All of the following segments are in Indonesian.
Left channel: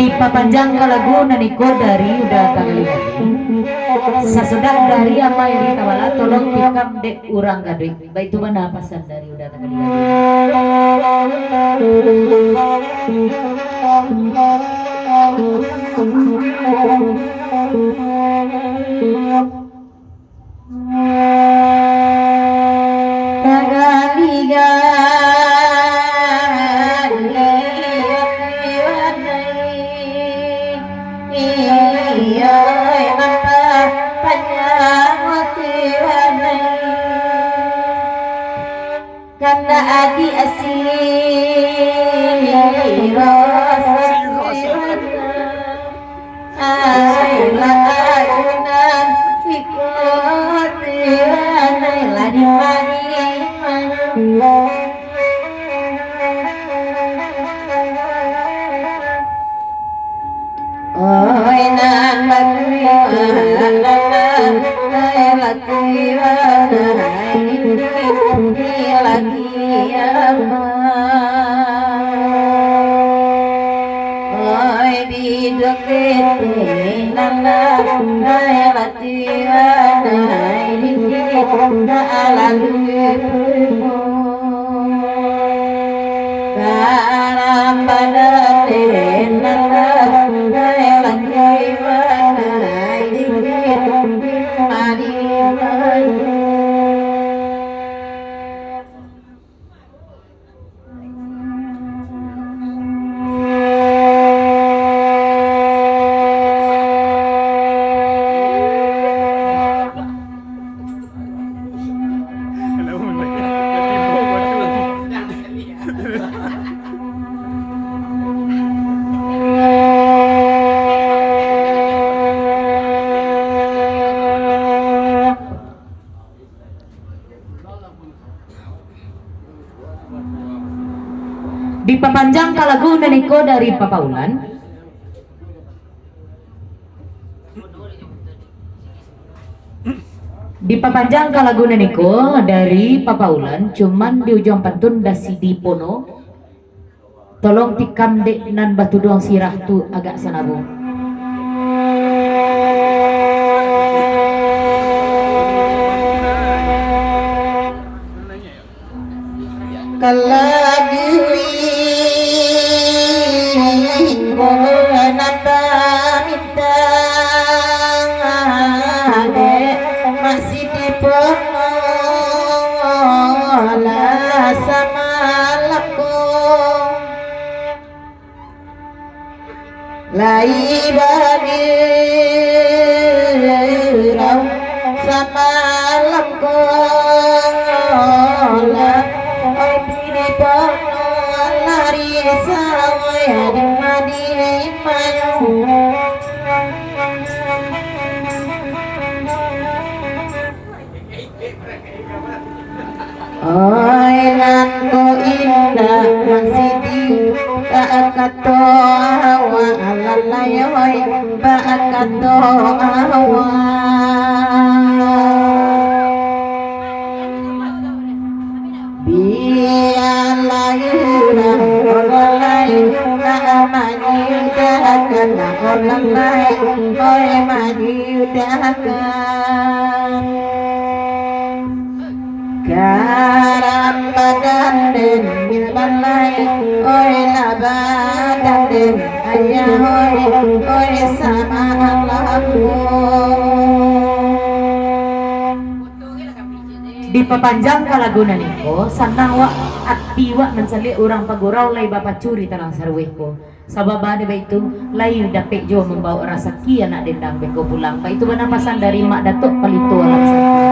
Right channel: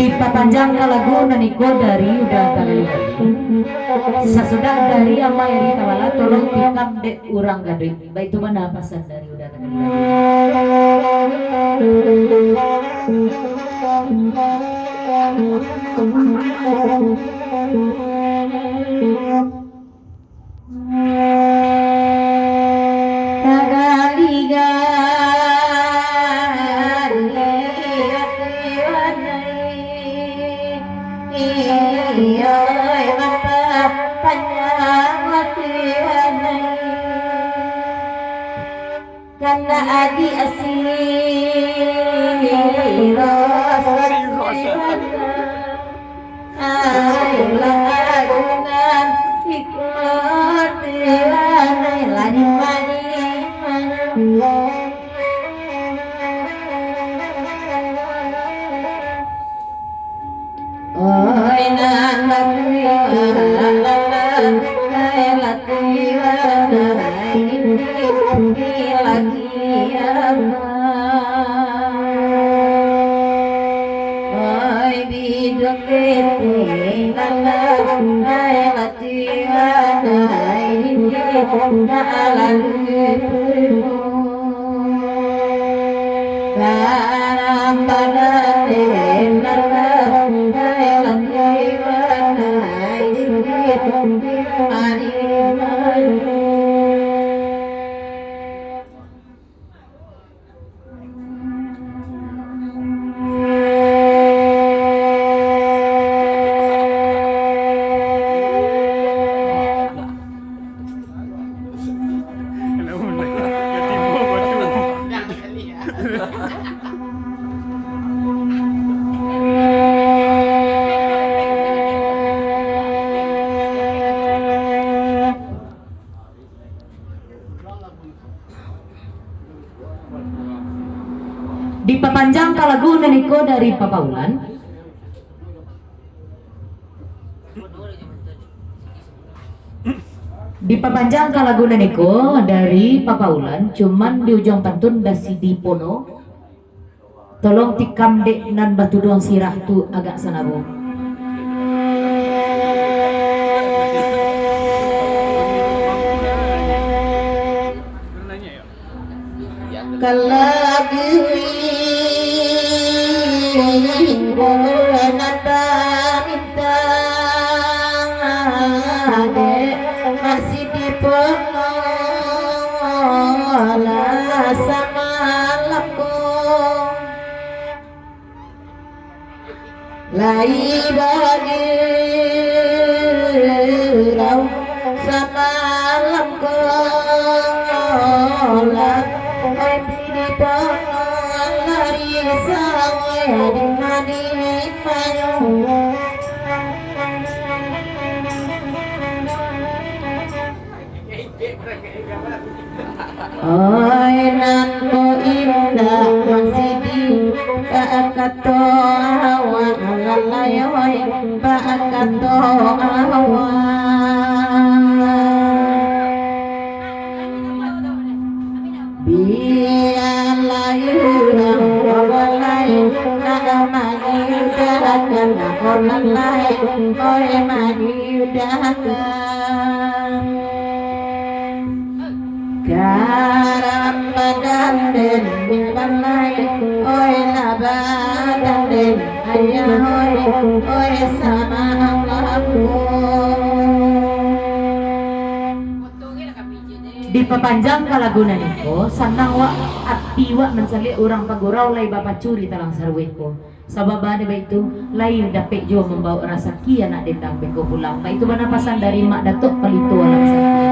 Dipapanjang lagu naniko dari udah kali sesudah dari apa yang tawala tolong pikap dek urang gading baik itu mana pasan dari udah kali karena adi dipapanjang lagu naniko dari Papaulan. Dipapanjang lagu naniko dari Papaulan, cuman di ujung pantun dasi dipono. Tolong tikam dek nan batu dong sirah tu agak sanabo. kalabiri nata mitang masih dipono sama lakong lai bagi rau sama lakong oi di pono lari sawaya dengan diliman oi nan ko indah masih di kato awa lalayoy atau biarlah hilang orang lain tak menyudahkan orang lain oi menyudahkan garam badan den bimbang lain oi labadan den ayah oi sama Allahku dipapanjang kalaguna niko sanang wa ati wa mensali orang pagurau lay bapak curi talang sarweko sababa de itu lay dapek jo membawa rasa kia nak dendang beko pulang ba itu benar pasan dari mak datuk palito alam sakit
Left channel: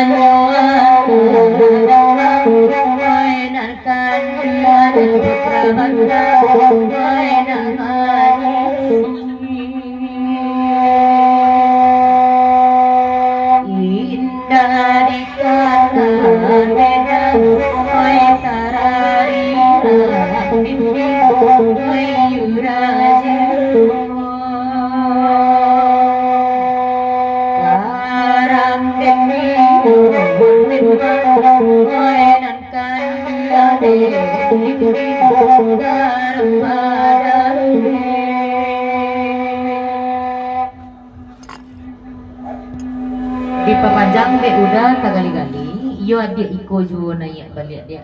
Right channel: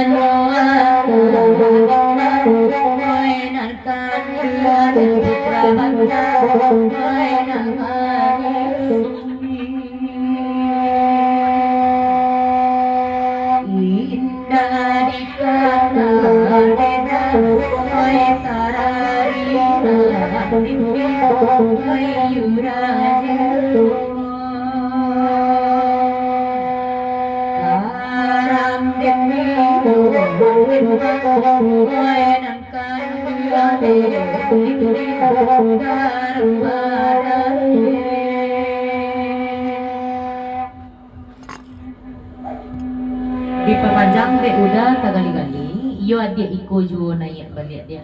Indah di kata beda, oi tarari dindi, oi yuraje. Karang demi dunia, oi nangkan duade dindi, karang badane. Di papanjang be udah tagali-gali iyo adia iko juo naik balik dia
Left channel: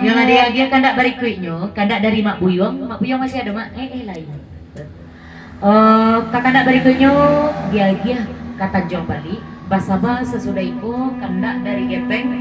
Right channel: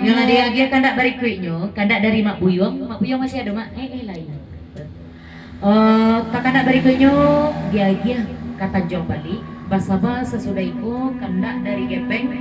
yang ada lagi kandak berikutnya kandak dari Mak Buyong masih ada Mak lain kandak berikutnya dia kata jom balik basaba sesudah itu kandak dari Gepeng